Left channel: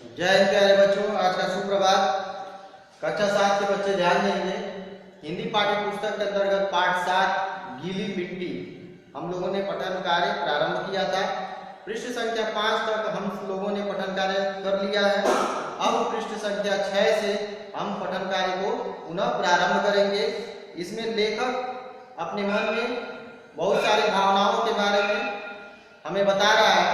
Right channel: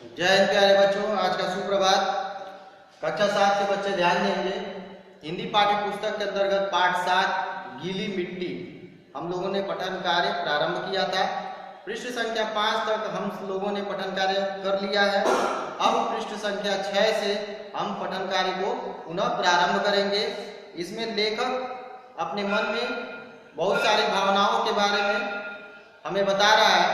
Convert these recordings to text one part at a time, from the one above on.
जय हिंद प्यारे बच्चों। आज का सुप्रभात। कक्षा 7 के बच्चे ध्यान देंगे। हिंदी पाठ्य पुस्तक के अंतर्गत पाठ 7 गीली मिट्टी हम लोगों ने पठन कार्य प्रारंभ किया था। पृष्ठ संख्या 5 तक हम लोगों ने पठन कार्य कर लिया है। अब पृष्ठ संख्या 6 से हम पठन कार्य को पुनः प्रारंभ करेंगे। इसमें लेखक अपने मन में बहुत सारी भावनाओं के बारे में हमें बता रहा है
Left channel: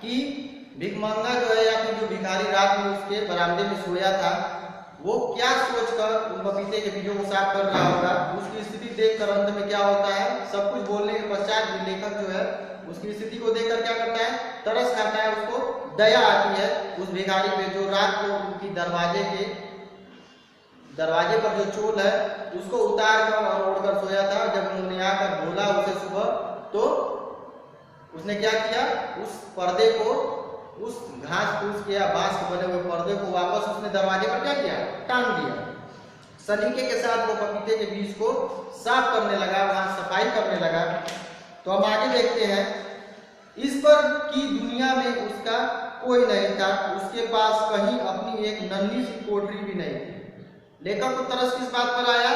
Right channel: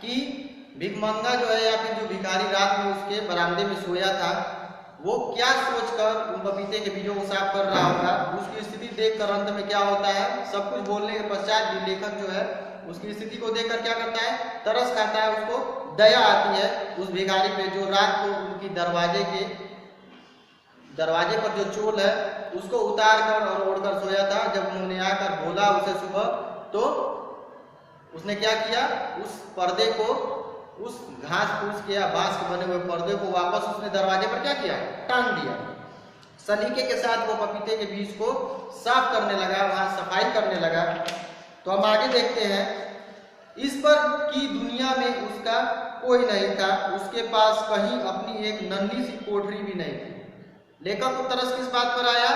कि भिखमंगा जो है या फिर जो भिखारी रात में उसके बरामदे में सोया था, वो क्या सोचकर उन पपीते के बीजों को साफ कर रहा होगा। उसकी स्थिति देखकर अंत में क्या होता है, सब कुछ बोलने के पश्चात भी लेखक जो है उसकी स्थिति को देखकर क्या करता है, तरस खाता है। उसको दया आती है उस भिखारी पे जो रात को उनकी दरवाजे पर जो चोल है उसको उतार कर और ओढ़कर सोया था। जब उन्होंने आकर बोला उसे सुबह, तो उसने क्या किया, उस पर्दे को, उस घास फूस के या बांस के बने हुए पर्दे को वापस उसने दरवाजे पर क्या किया, टांग दिया। सलीके के साथ वो पपीते के बीज को साफ करने लगा, वहां सफाई करने लगा। तो हम आगे देखते हैं। इस पर की दुनिया में उसका कोई नहीं था, उसके पास कहीं अपनी एक नन्ही सी कोठरी भी नहीं थी। लेखक को तरस किस बात पर आया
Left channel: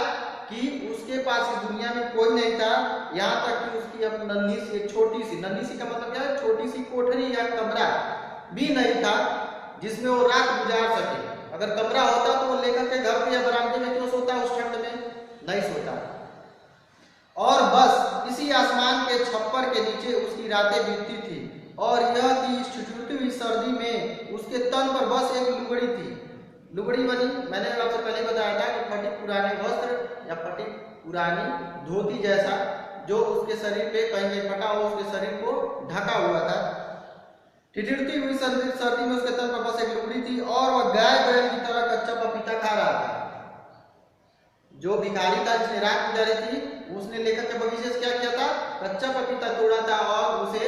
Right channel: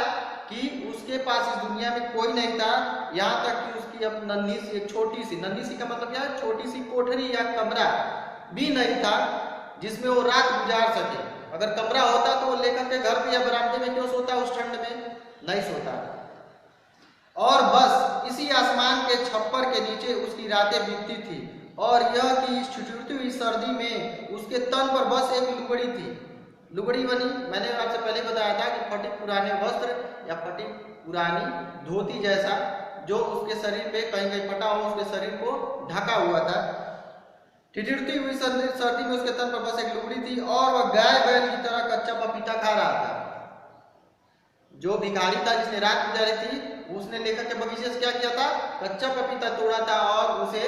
कि उसके पास इस दुनिया में कोई नहीं था, यहाँ तक कि उसकी अब नन्ही सी, छोटी सी, नन्ही सी का मतलब क्या है, छोटी सी कोठरी या कमरा भी नहीं था जिसमें वो रात गुजार सके। अगर कमरा होता तो वो लेखक के घर पे या बरामदे में क्यों सोता, उस ठंड में नहीं सोता। और बस इसी आसमान के छप्पर के नीचे उसकी रातें बीतती थी, और यह कि इस ठिठुरती हुई सर्दी में उसके तन पर बस एक लुगड़ी थी। लुगड़ी बनी, मैंने आपसे पहले बताया था कि फटे पुराने वस्त्र या फटी पुरानी धोती जैसा जो उसके शरीर पे कहीं कहीं फटा हुआ उसके शरीर को ढका हुआ था। ठिठुरती हुई सर्दी में उसके तन पर बस एक लुगड़ी थी, और वह गाय बैल की तरह कच्चा पपीता खा रहा था। जो भिखारी था जिसने रात गुजारी थी, उसने लेखक के बगीचे से क्या किया था, कच्चा पपीता तोड़ा था और उसे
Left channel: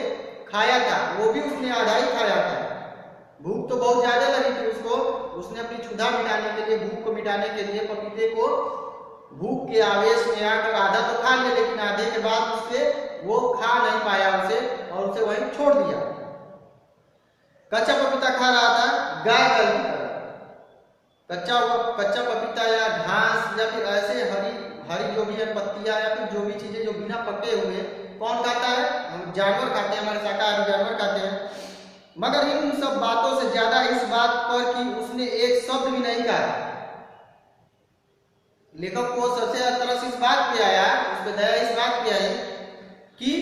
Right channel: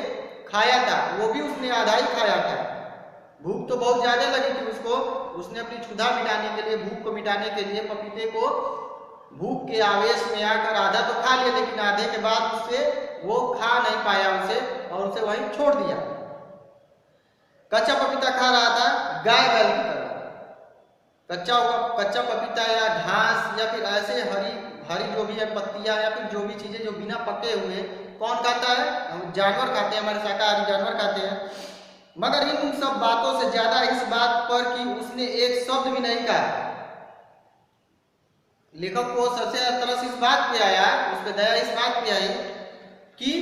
खाया था। वो भी उसने आधा ही खाया था। भूख तो बहुत ज्यादा लगी थी उसको। उसने अपनी क्षुधा मिटाने के लिए, भूख को मिटाने के लिए पपीते को भूख के आवेश में आकर आधा तो खा लिया, लेकिन आधे के बाद उससे वो खा नहीं पाया उसे, और उसे वहीं छोड़ दिया। कच्चा पपीता खा रहा था गाय बैल की तरह। कच्चा पपीता या घास या फिर ऐसे हरी जो भी है पत्तियां या फिर जो भी चीजें जो बिना पके हुए कौन खाता है, हम जानवर खाते हैं, हमारे शाकाहारी जानवर खाते हैं। मगर इन सब बातों से ज्यादा इस बात पर कि उसने एक शब्द भी नहीं कहा। लेखक को सबसे तरस इस बात पे आया, उसके दया इस बात पे आई कि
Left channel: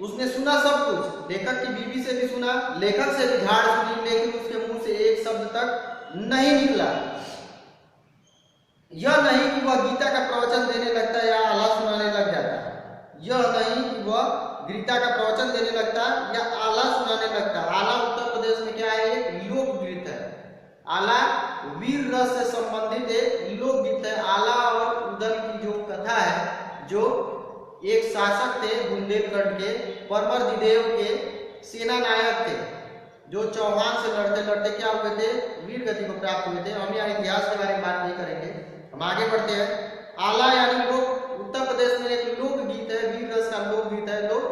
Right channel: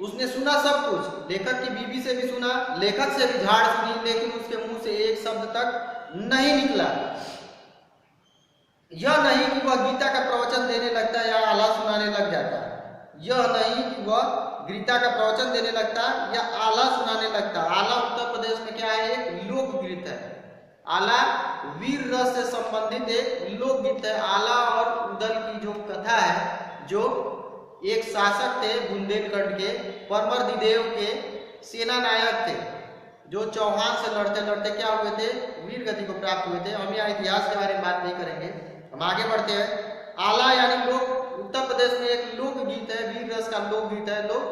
उसने सुना सब कुछ, लेखक की बीवी से भी सुना, लेखक से भी झाड़ सुनी, लेकिन उसके मुंह से एक शब्द तक नहीं निकला। यह नहीं कि वह गीता का प्रवचन देने लगता या आला सुनाने लग जाता, यह नहीं कि वह गीता का प्रवचन देने लगता या आला सुनाने लगता। आला उत्तर प्रदेश में क्या है, एक लोकगीत है। आला वीर रस से संबंधित एक लोकगीत है। आला और उदल की जो कथा है, जो एक शासक थे बुंदेलखंड के, परमर्दिदेव के सेना नायक थे, जो चौहान से लड़ते लड़ते क्या हुए थे, वीर गति को प्राप्त हुए थे। हम यहाँ इतिहास के बारे में बात नहीं करेंगे, हम आगे बढ़ते हैं। आला यानी लोग, उत्तर प्रदेश में एक लोकगीत है, वीर रस का लोकगीत है। लोग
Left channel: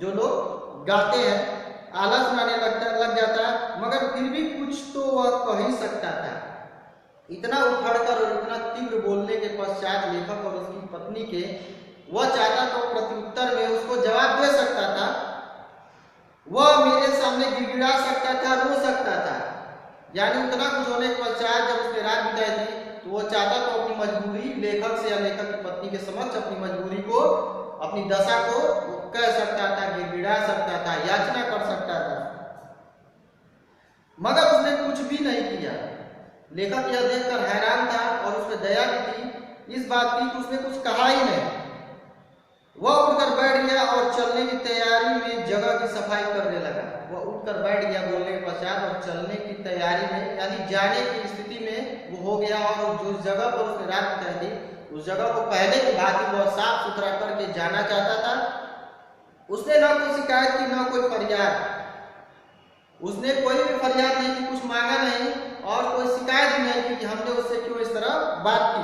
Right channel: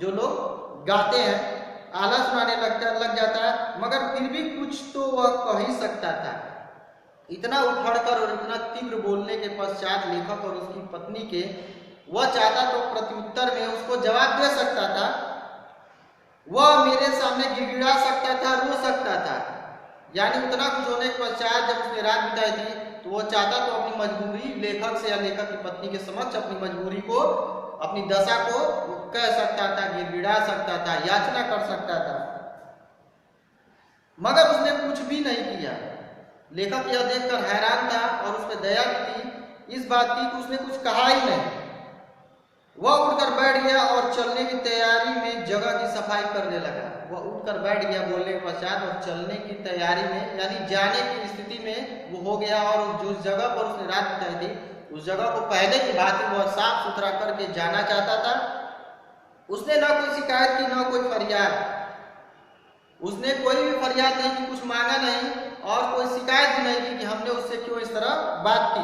जो लोग गाते हैं, आला सुनाने लग जाता है, मगर फिर भी कुछ तो वह कह ही सकता था। इतना उखड़कर और इतना तीव्र बोलने के पश्चात लेखक और उसकी पत्नी के, वह चाहता तो प्रत्युत्तर में उसको जवाब दे सकता था, वह मेरे सामने गिड़गिड़ा सकता था, रो सकता था। यानी उतना कुछ होने के पश्चात जब उसने रात बिताई थी, तो वो चाहता तो अपनी मजबूरी लेखक से या लेखक की पत्नी के समक्ष अपनी मजबूरी को, अपनी दशा को कह सकता था, गिड़गिड़ा सकता था, याचना कर सकता था, मगर उसने कुछ भी नहीं किया। लेखक यह देखकर हैरान था और उसमें दया थी इस बात की कि उसने कुछ कहा ही नहीं। वह उठकर बैठ गया और चलने की तैयारी में जगह की सफाई करने लगा। वह उठकर बैठ गया बोलने के पश्चात, और चलने की तैयारी में यानी जाने की स्थिति में वो हो गया। और जो जगह पर उसने रात बिताई थी, उस जगह को पहले की भांति वह साफ सुथरा करके जाना चाहता था। उसने ना कोई शिकायत की, ना कोई फरियाद। उसने कोई भी फरियाद नहीं की, कुछ मांगा नहीं, और कोई शिकायत भी नहीं की कि हमने उससे क्यों इस तरह बात की।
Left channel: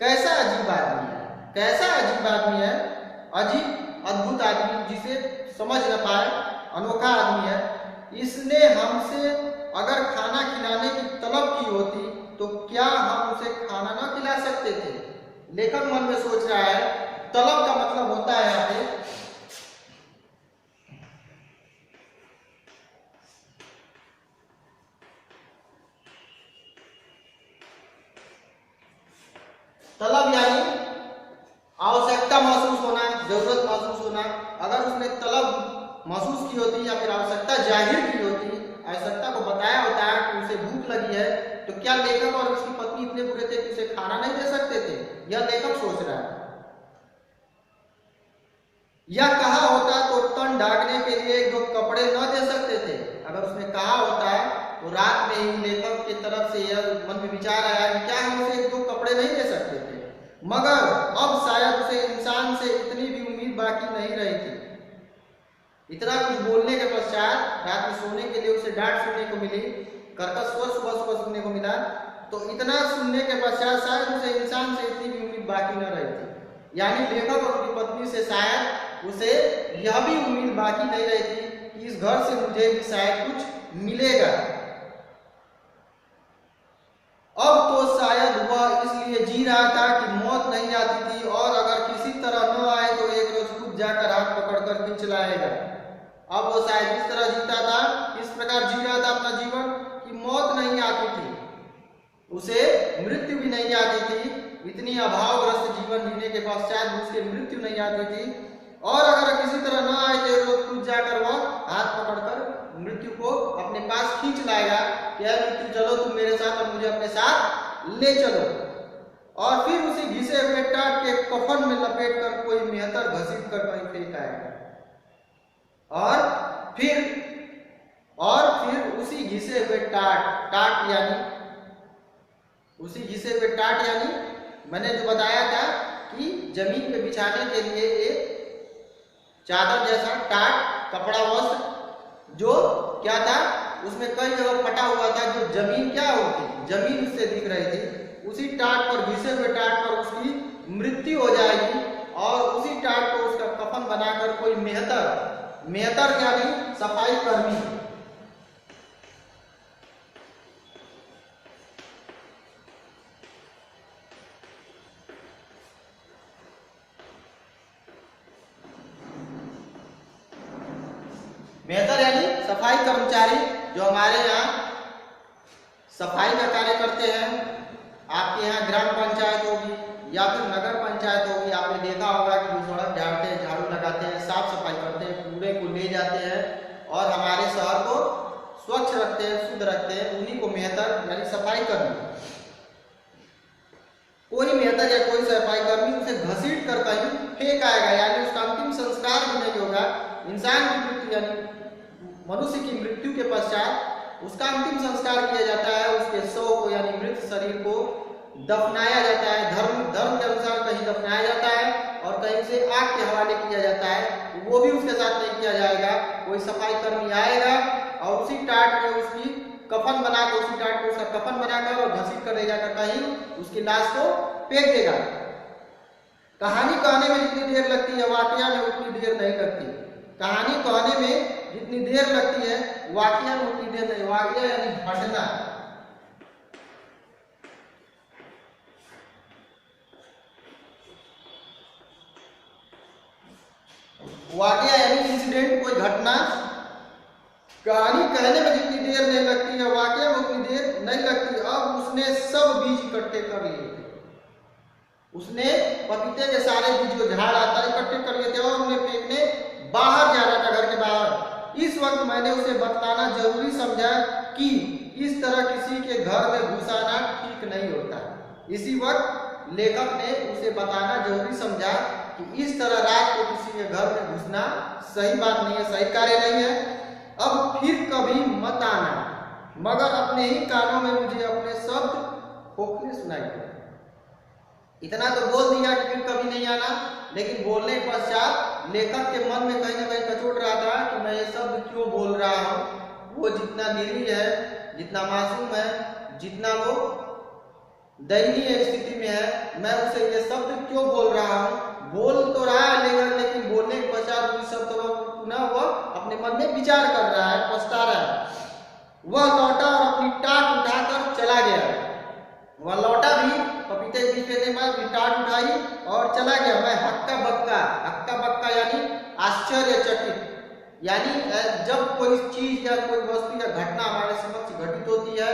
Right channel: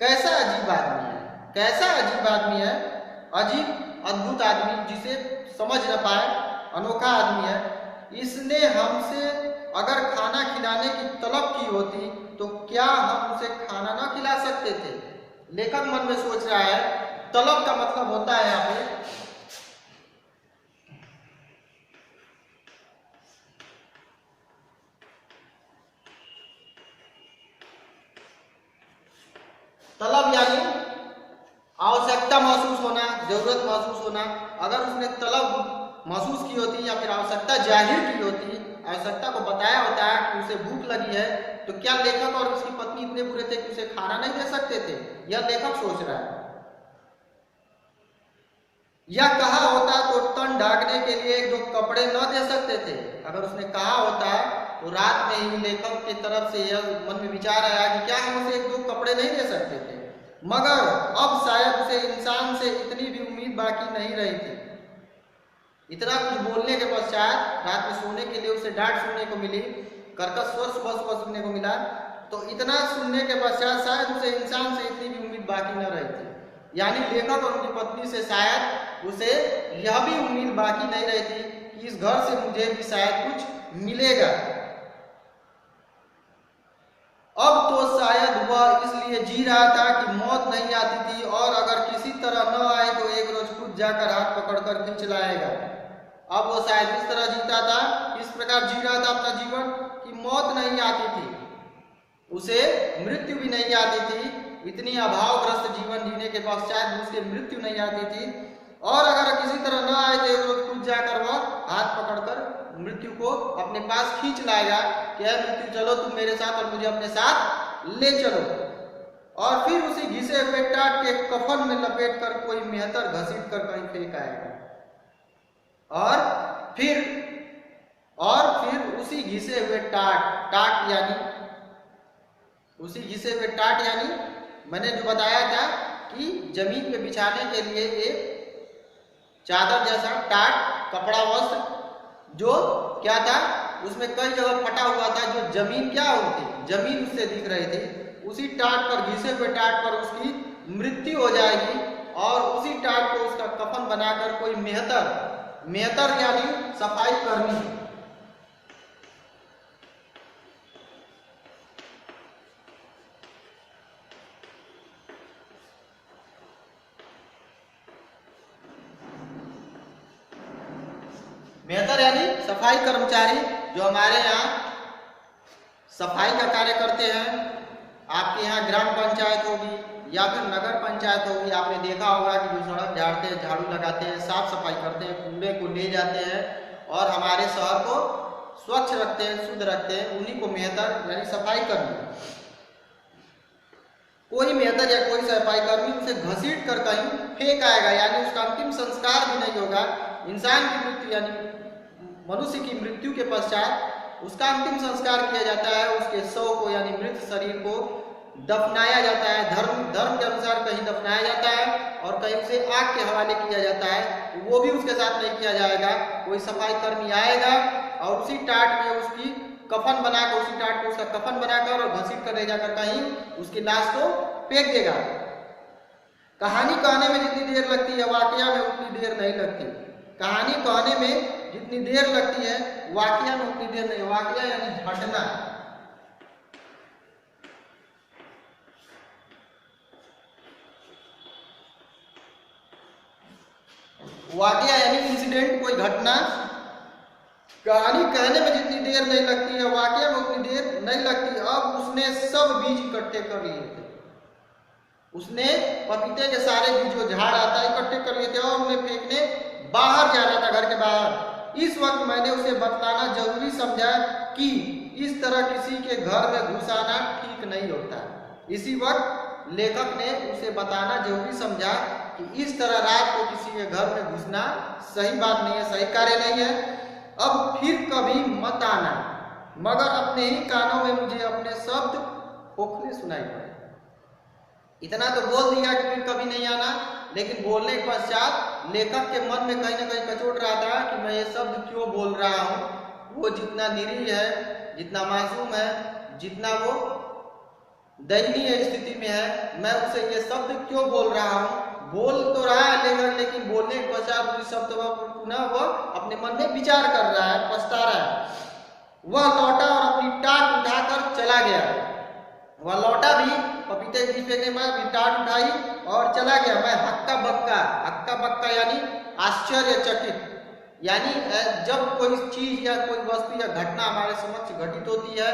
कैसा अजीब आदमी है, कैसा अजीब आदमी है, अजीब अद्भुत आदमी, जिसे समझ न पाए, अनोखा आदमी है। इसने हमसे अगर खाना खिलाने की तलब की होती तो क्या हम उसे खाना ना खिला सकते थे? लेखक मन में सोच रहा है, तलब का मतलब होता है यहाँ पे तलब, यानी आवश्यकता महसूस होना, जरूरत महसूस होना। अगर उसने तलब महसूस की होती या फिर आवश्यकता जाहिर की होती, आवश्यकता को बताया होता है कि उसे भूख लगी है, तो क्या लेखक और उसकी पत्नी इतने बुरे थे कि उसे खाना नहीं दे सकते थे? यह लेखक सोच रहा है। या कहा होता तो तन ढांकने के लिए जो कपड़े न दे सकते थे? अगर उसने कहा होता तो रात में ही लेखक की तरफ से यह मन में विचार आया कि क्या हम उसे दो कपड़े नहीं दे सकते थे, मगर अब शायद उसे इंसान से इतनी भी उम्मीद बाकी नहीं रही थी। इतना कुछ बोलने के पश्चात रात में सोने के लिए उसे डांट सुनने को मिली, कर्कश स्वर सुबह सुनने को मिला, तो इतना सुनने के पश्चात शायद उसे इंसान से इतनी भी उम्मीद बाकी न रही थी। यानी लेखक और उनकी पत्नी से शायद उसे यह भी उम्मीद बाकी नहीं रही थी कि इस घर से मुझे भी शायद कुछ मिलेगा। अब तो शायद वह इसलिए जी रहा था कि मौत नहीं आती थी, और अगर किसी तरह न आए तो एक रोज खुद जाकर हाथ पकड़कर खींच लाएगा। अब वो शायद इस तरह जीता था, इस प्रकार जी रहा था अपना जीवन कि मौत नहीं आती थी, उसे मृत्यु भी नहीं आती थी। इतनी अभावग्रस्त जीवन जीने के पश्चात उसके मृत्यु नहीं आती थी, और अगर किसी तरह न आए तो खुद जाकर वह हाथ पकड़कर मृत्यु को अपने पास खींच लाएगा कि मृत्यु चलो तुम मेरे साथ और मुझे अपने साथ ले चलो। और फिर उसी घिसे हुए टाट के कफन में लपेट कर कोई मेहतर घसीट कर कहीं फेंक आएगा, और फिर उसी घिसे हुए टाट यानी उसी घिसे हुए टाट यानी मैंने जो बताया था कि जमीन पे बिछाने के लिए एक चादर जैसा टाट, कपड़ा, वस्त्र, जो क्या था उसमें कई जगह फटा हुआ था, जो जमीन क्या होती, जमीन उससे दिख रही थी, उसी टाट पर, घिसे हुए टाट पर उसकी मृत्यु हो जाएगी, और उसी टाट को उसका कफन बनाकर कोई मेहतर यानी सफाई कर्मी, मेहतर यानी सफाई कर्मचारी जो हमारे यहाँ सफाई का कार्य करते हैं। आपके यहाँ ग्राम पंचायत होगी या फिर नगर पंचायत होगी, आपने देखा होगा कि वो सड़क झाड़ते हैं, झाड़ू लगाते हैं, साफ सफाई करते हैं, कूड़े को ले जाते हैं और हमारे शहर को स्वच्छ रखते हैं, शुद्ध रखते हैं। उन्हीं को मेहतर यानी सफाई कर्मी। कोई मेहतर या कोई सफाई कर्मी उसे घसीट कर कहीं फेंक आएगा, यानी उसका अंतिम संस्कार भी नहीं होगा। इंसान की मृत्यु यानी मनुष्य की मृत्यु के पश्चात उसका अंतिम संस्कार किया जाता है, उसके शव को यानी मृत शरीर को दफनाया जाता है। धर्म के अनुसार कहीं दफनाया जाता है और कहीं उसे आग के हवाले किया जाता है, वो भी उसके साथ नहीं किया जाएगा। कोई सफाई कर्मी आएगा और उसी टाट में उसकी कफन बनाकर, उसी टाट को उसका कफन बनाकर और घसीट कर ले जाकर कहीं उसकी लाश को फेंक देगा। कहानी कहने में जितनी देर लगती है वाकया में उतनी देर नहीं लगती। कहानी कहने में जितनी देर लगती है वाकया में उतनी देर नहीं। वाकया यानी घटना, वाकया यानी इंसिडेंट, कोई घटना। कहानी कहने में जितनी देर नहीं लगती है वाकया में उतनी देर नहीं लगती। अब उसने सब बीज इकट्ठे कर लिए थे, उसने पपीते के सारे बीज जो झाड़ आता है इकट्ठे कर लिए थे और उन्हें फेंकने बाहर जाना था, घर के बाहर। इस वक्त मैंने उसे बतलाना जरूरी समझा कि इस तरह किसी के घर में घुस आना ठीक नहीं होता। इसी वक्त लेखक ने उसे बताना जरूरी समझा कि इस तरह रात को किसी के घर में घुसना सही बात नहीं है, सही कार्य नहीं है। अब फिर कभी मत आना, मगर अपने ही कानों में मुझे अपने शब्द खोखले सुनाई पड़े। इतना तो बोल दिया कि फिर कभी नहीं आना, लेकिन बोलने के पश्चात लेखक के मन में कहीं ना कहीं कचोट रहा था कि मैं ये शब्द क्यों बोल रहा हूँ। वो जितना निरीह है, जितना मासूम है, जितना वो दयनीय स्थिति में है, मैं उसे ये शब्द क्यों बोल रहा हूँ। बोल तो रहा है लेकिन बोलने के पश्चात उस शब्द पुनः वह अपने मन में विचार कर रहा है, पछता रहा है। वह लौटा और अपनी टाट उठाकर चला गया। वह लौटा भी पपीते की जगह में अपनी टाट उठाई और चला गया। मैं हक्का बक्का यानी आश्चर्यचकित, यानी जब कोई चीज या कोई वस्तु या घटना हमारे समक्ष घटित होती है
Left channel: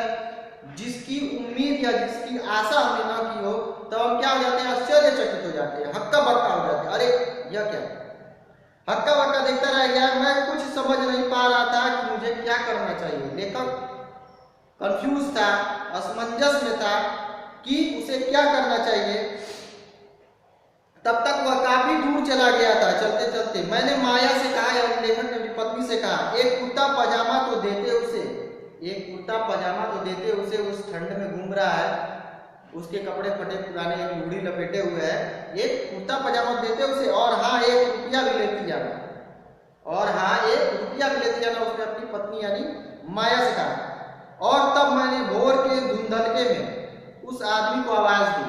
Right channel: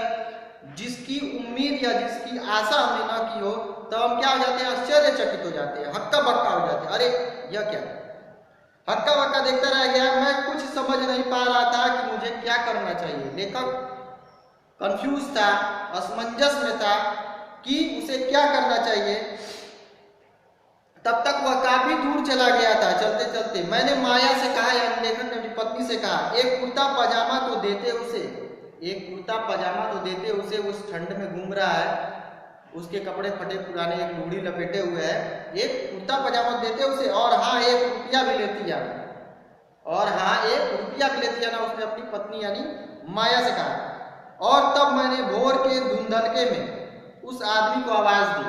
जिसकी उम्मीद या जिसकी आशा हमने न की हो, तब हम क्या हो जाते हैं, आश्चर्यचकित हो जाते हैं, हक्का बक्का हो जाते हैं। अरे यह क्या, हक्का बक्का देखता रह गया। मैं कुछ समझ नहीं पा रहा था कि मुझे क्या करना चाहिए। लेखक कंफ्यूज था, असमंजस में था कि उसे क्या करना चाहिए। तब तक वह काफी दूर चला गया था। चलते चलते मैंने माया से कहा, यानी लेखक ने अपनी पत्नी से कहा, एक कुर्ता पजामा तो देते उसे, एक कुर्ता पजामा तो देते उसे, उस ठंड में घूम रहा है, उसके कपड़े फटे पुराने, एक लुगड़ी लपेटे हुए है, एक कुर्ता पजामा देते उसे, और हाँ 1 रुपया भी लेती जाना, और हाँ 1 रुपया भी लेती जाना, उसने अपनी पत्नी यानी माया से कहा। और तब मैंने भोर के धुंधलके में उस आदमी को आवाज दी,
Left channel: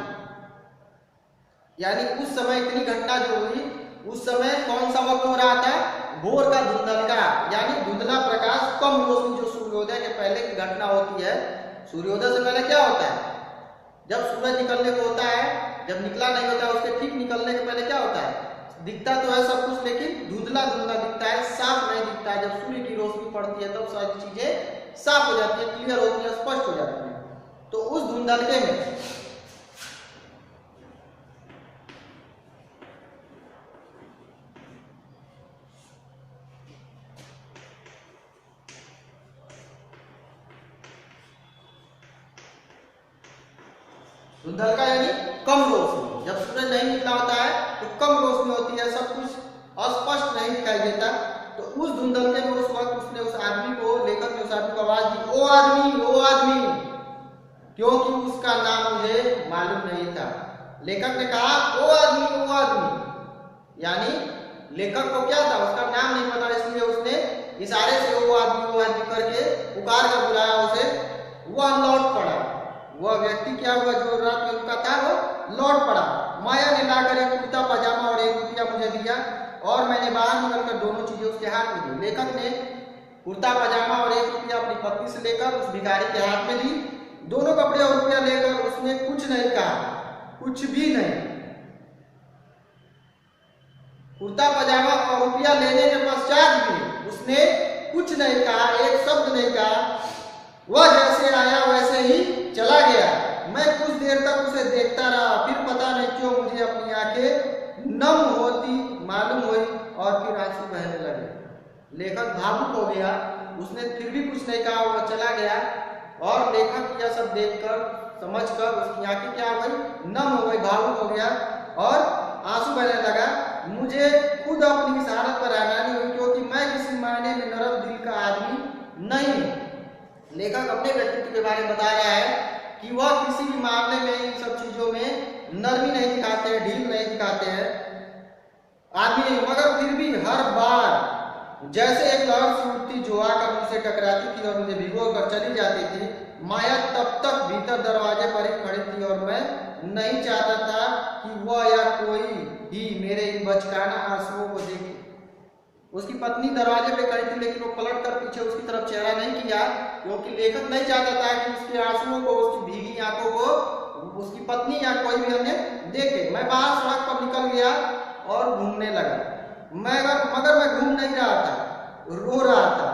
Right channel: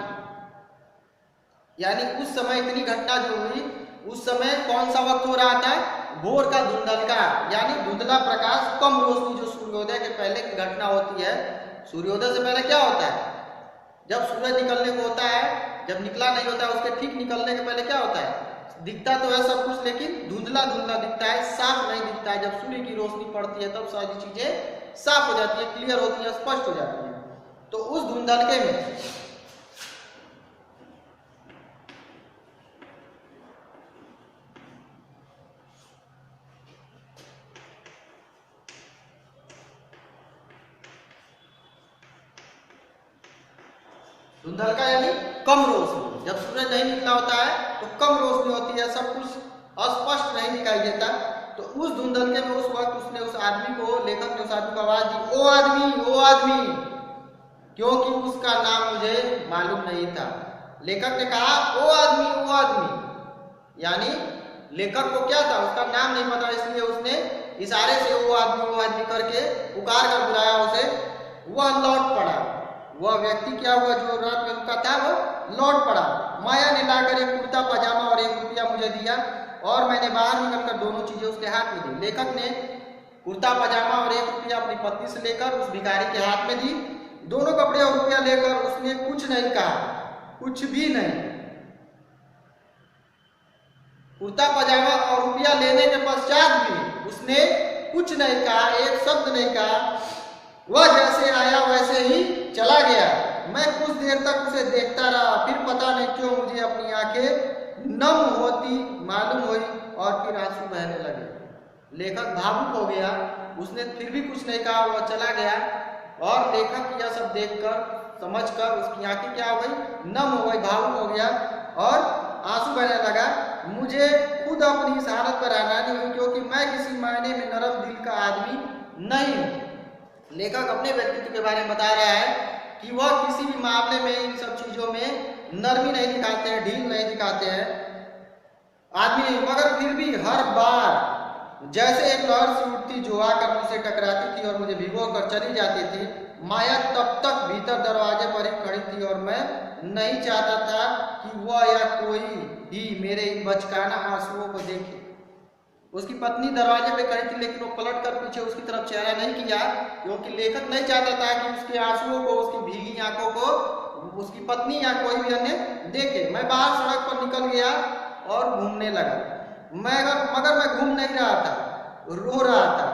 यानी उस समय इतनी घटना जो हुई, उस समय कौन सा वक्त हो रहा था, भोर का धुंधलका, यानी धुंधला प्रकाश, कम रोशनी, जो सूर्योदय के पहले की घटना होती है। सूर्योदय से पहले क्या होता है, जब सूरज निकलने को होता है, जब निकला नहीं होता है, उसके ठीक निकलने के पहले क्या होता है, दिखता तो है सब कुछ, लेकिन धुंधला धुंधला दिखता है, साफ नहीं दिखता है। जब सूर्य की रोशनी पड़ती है तब सारी चीजें साफ हो जाती है, क्लियर होती है, स्पष्ट हो जाती है। तो उस धुंधलके में धुंधलका यानी कम रोशनी, जब सूरज नहीं निकला होता है तो कम रोशनी होती है, सब कुछ अस्पष्ट नहीं दिखाई देता। तो उस धुंधलके में उस वक्त उसने उस आदमी को, लेखक ने उस आदमी को आवाज दी, ओ आदमी, ओ आदमी, क्योंकि उसका नाम मुझे मालूम नहीं था। लेखक ने कहा ओ आदमी, ओ आदमी, यानी लेखक को क्या था, उसका नाम नहीं पता, इसलिए उसने इशारे से ओ आदमी करके पुकार कर बुलाया उसे। वह लौट पड़ा, वह व्यक्ति क्या हुआ जो रात में रुका था, वो लौट पड़ा। माया ने लाकर एक कुर्ता पजामा और 1 रुपया मुझे दिया, और मैंने बाहर निकलकर दोनों चीजें उसके हाथ में दी। लेखक ने कुर्ता पजामा और 1 रुपया अपनी पत्नी से लेकर उस भिखारी के हाथ में दी। दोनों कपड़े और रुपया लेकर उसने कुछ नहीं कहा, कुछ भी नहीं। कुर्ता पजामा और रुपया लेने के पश्चात भी उसने कुछ नहीं कहा, एक शब्द नहीं कहा। वह जैसे आया वैसे ही चला गया। मैं कुछ देर तक उसे देखता रहा, फिर पता नहीं क्यों मुझे अपनी आंखें नम होती मालूम हुई और फिर आंसू बहने लगे। लेखक भावुक हो गया, उसने फिर भी कुछ नहीं कहा, वह चला गया। और लेखक यह सब देखकर, समझकर उसकी आंखें क्या हो गई, नम हो गई, भावुक हो गया और आंसू बहने लगा। मुझे खुद अपनी इस हालत पर हैरानी हुई, क्योंकि मैं किसी मायने में नरम दिल का आदमी नहीं हूं। लेखक अपने व्यक्तित्व के बारे में बता रहा है कि वह किसी भी मामले में, इन सब चीजों में नरमी नहीं दिखाते हैं, ढील नहीं दिखाते हैं आदमी, मगर फिर भी हर बार जैसे एक लहर सी उठती जो आकर मुझसे टकराती थी और मुझे भिगो कर चली जाती थी। माया तब तक भीतर दरवाजे पर ही खड़ी थी और मैं नहीं चाहता था कि वह या कोई भी मेरे इन बचकाना आंसुओं को देखे। उसकी पत्नी दरवाजे पे खड़ी थी, लेकिन वो पलट कर पीछे उसकी तरफ चेहरा नहीं किया, क्योंकि लेखक नहीं चाहता था कि उसके आंसुओं को, उसकी भीगी आंखों को उसकी पत्नी या कोई भी अन्य देखे। मैं बाहर सड़क पर निकल गया और घूमने लगा, मगर मैं घूम नहीं रहा था, रो रहा था,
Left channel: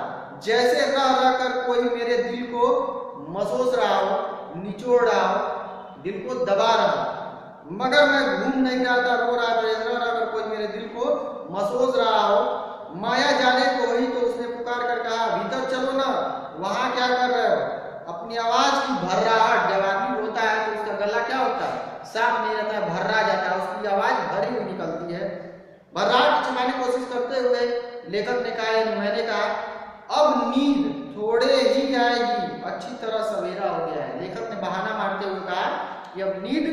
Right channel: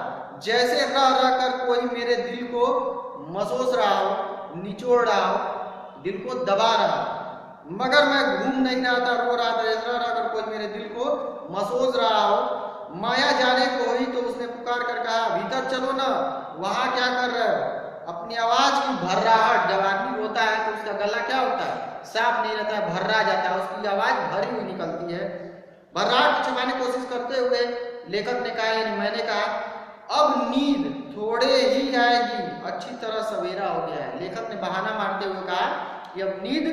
जैसे रह रह कर कोई मेरे दिल को मसोस रहा हो, निचोड़ रहा हो, दिल को दबा रहा हो। मगर मैं घूम नहीं रहा था, रो रहा था, जैसे रह रह कर कोई मेरे दिल को मसोस रहा हो। माया जाने को ही तो उसने पुकार कर कहा, भीतर चलो ना, वहां क्या कर रहे हो। अपनी आवाज की भर्राहट, जब आदमी रोता है तो उसका गला क्या होता है, साफ नहीं रहता है, भर्रा जाता है, उसकी आवाज भरी हुई निकलती है। भर्राहट छिपाने की कोशिश करते हुए लेखक ने कहा, मैंने कहा अब नींद थोड़े ही आएगी, अच्छी तरह सवेरा हो गया है। लेखक ने बहाना मारते हुए कहा कि अब नींद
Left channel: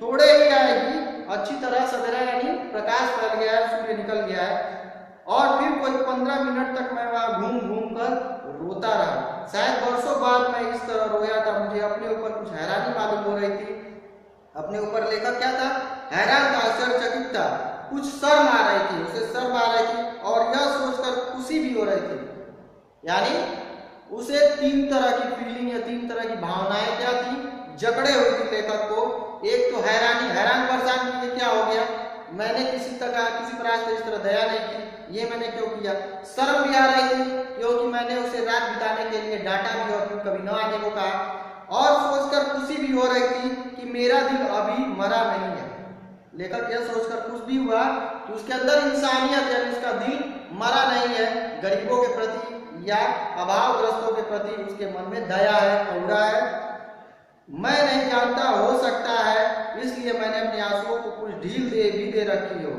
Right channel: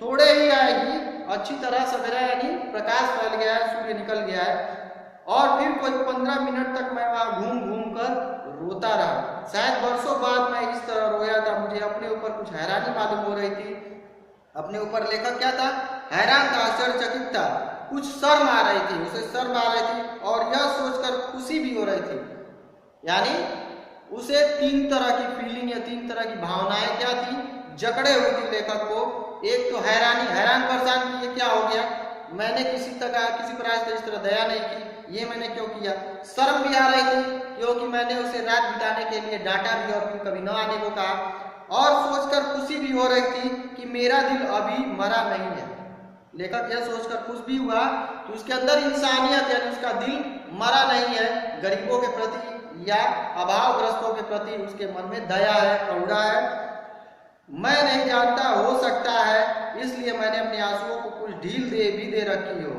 थोड़े ही आएगी, अच्छी तरह सवेरा, यानी प्रकाश फैल गया है, सूर्य निकल गया है। और फिर कोई 15 मिनट तक मैं वहां घूम घूम कर रोता रहा। शायद वर्षों बाद मैं इस तरह रोया था। मुझे अपने ऊपर कुछ हैरानी मालूम हो रही थी। अपने ऊपर लेखक क्या था, हैरान था, आश्चर्यचकित था, कुछ शर्म आ रही थी, उसे शर्म आ रही थी और यह सोचकर खुशी भी हो रही थी। यानी उसे 3 तरह की फीलिंग या 3 तरह की भावनाएं क्या थी, जकड़े हुई थी लेखक को। एक तो हैरान परेशान कि ये क्या हो गया, मैंने किसी पर आज इस तरह दया नहीं की, ये मैंने क्यों किया। शर्म भी आ रही थी क्योंकि मैंने उसे रात बिताने के लिए डांटा भी और क्यों कभी न आने को कहा। और सोचकर खुशी भी हो रही थी कि मेरा दिल अभी मरा नहीं है। लेखक यह सोचकर खुश भी हुआ कि उसके अंदर इंसानियत है, उसका दिल मरा नहीं है, गरीबों के प्रति या अभावग्रस्तों के प्रति उसके मन में दया है, करुणा है। मैं नहीं जानता, हो सकता है इसलिए मैंने अपने आंसुओं को कुछ ढील दे रखी हो।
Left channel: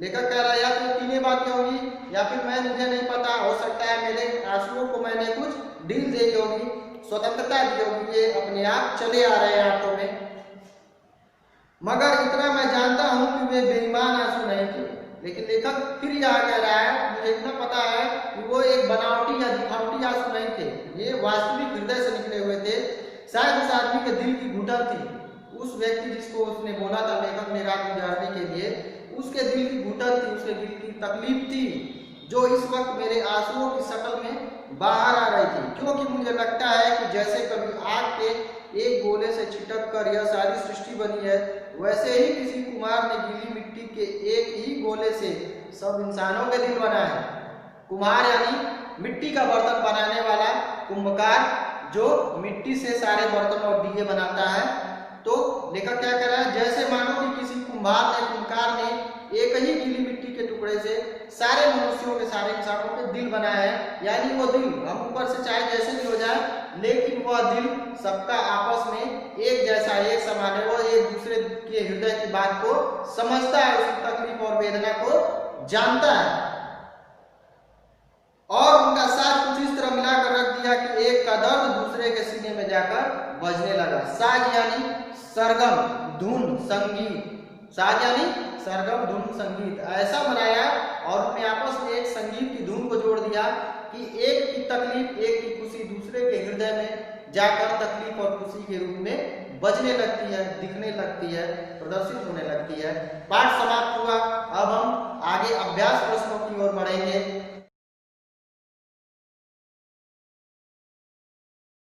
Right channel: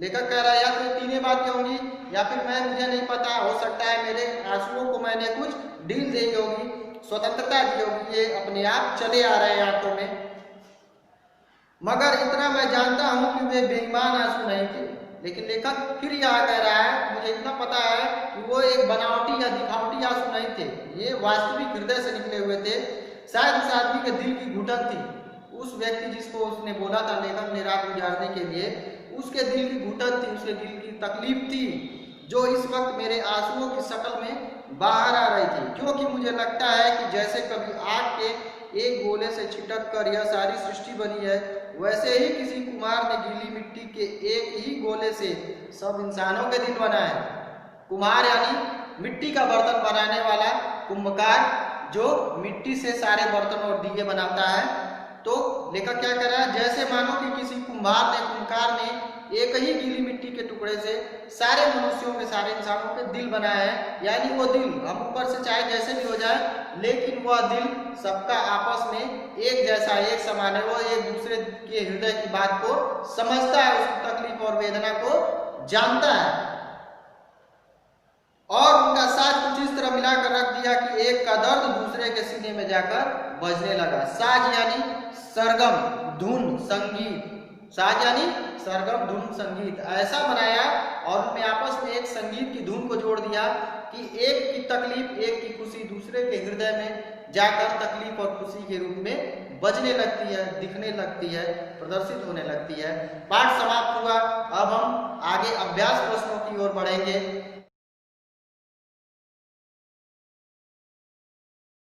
लेखक कह रहा है या तो तीनों बातें होंगी या फिर मुझे नहीं पता, हो सकता है मेरे आंसुओं को मैंने कुछ ढील दी होगी, स्वतंत्रता दी होगी, ये अपने आप चले आ रहे हैं आंखों में। मगर इतना मैं जानता हूं कि वे बेईमान आंसू नहीं थे। लेकिन लेखक फिर यह कह रहा है, मुझे इतना पता है कि वो एक बनावटी या दिखावटी आंसू नहीं थे, ये वास्तविक हृदय से निकले हुए थे। शायद इस आदमी के दिल की घुटन थी। उस व्यक्ति जिसको उसने बोला था लेखक ने रात गुजारने के लिए, उसके दिल की घुटन थी, उसके दिल की तकलीफ थी, जो इस वक्त मेरे आंसुओं की शक्ल में बाहर आ रही थी। क्योंकि मुझे लगता है कि जैसे कभी आग के एक गोले से छिटक कर यह सारी सृष्टि बनी है, वैसे ही किसी कुम्हार ने गीली मिट्टी के एक ही गोले से सब इंसानों के दिल बनाए। कुम्हार यानी मिट्टी का बर्तन बनाने वाला, कुंभकार जो मिट्टी से सारे बर्तन और दिए बनाता है। तो लेखक क्या कह रहा है, जैसे मानो कि किसी कुम्हार ने एक ही गीली मिट्टी के टुकड़े से सारे मनुष्यों के, सारे इंसानों के दिल बनाए हैं। यानी वो दिल हम ऊपर से चाहे जैसे भी हो जाए, लेकिन वह दिल सबका आपस में एक जैसा, एक समान है। वो एक दूसरे के हृदय की बात को समझता है, उसकी तकलीफ और वेदना को जानता है, और उनका साथ कुछ इस तरह मिलाकर रख दिया कि एक का दर्द दूसरे के सीने में जाकर बजने लगा। साज यानी सरगम, धुन, संगीत। साज यानी सरगम, धुन, संगीत ऐसा बनाया और उनमें आपस में एक संगीत की धुन को जोड़ दिया कि एक की तकलीफ, एक की खुशी दूसरे के हृदय में जाकर तकलीफ और खुशी के रूप में बजने लगती है, दिखने लगती है, प्रदर्शित होने लगती है। पाठ समाप्त हुआ। अब हम आगे अभ्यास प्रश्नों की ओर बढ़ेंगे।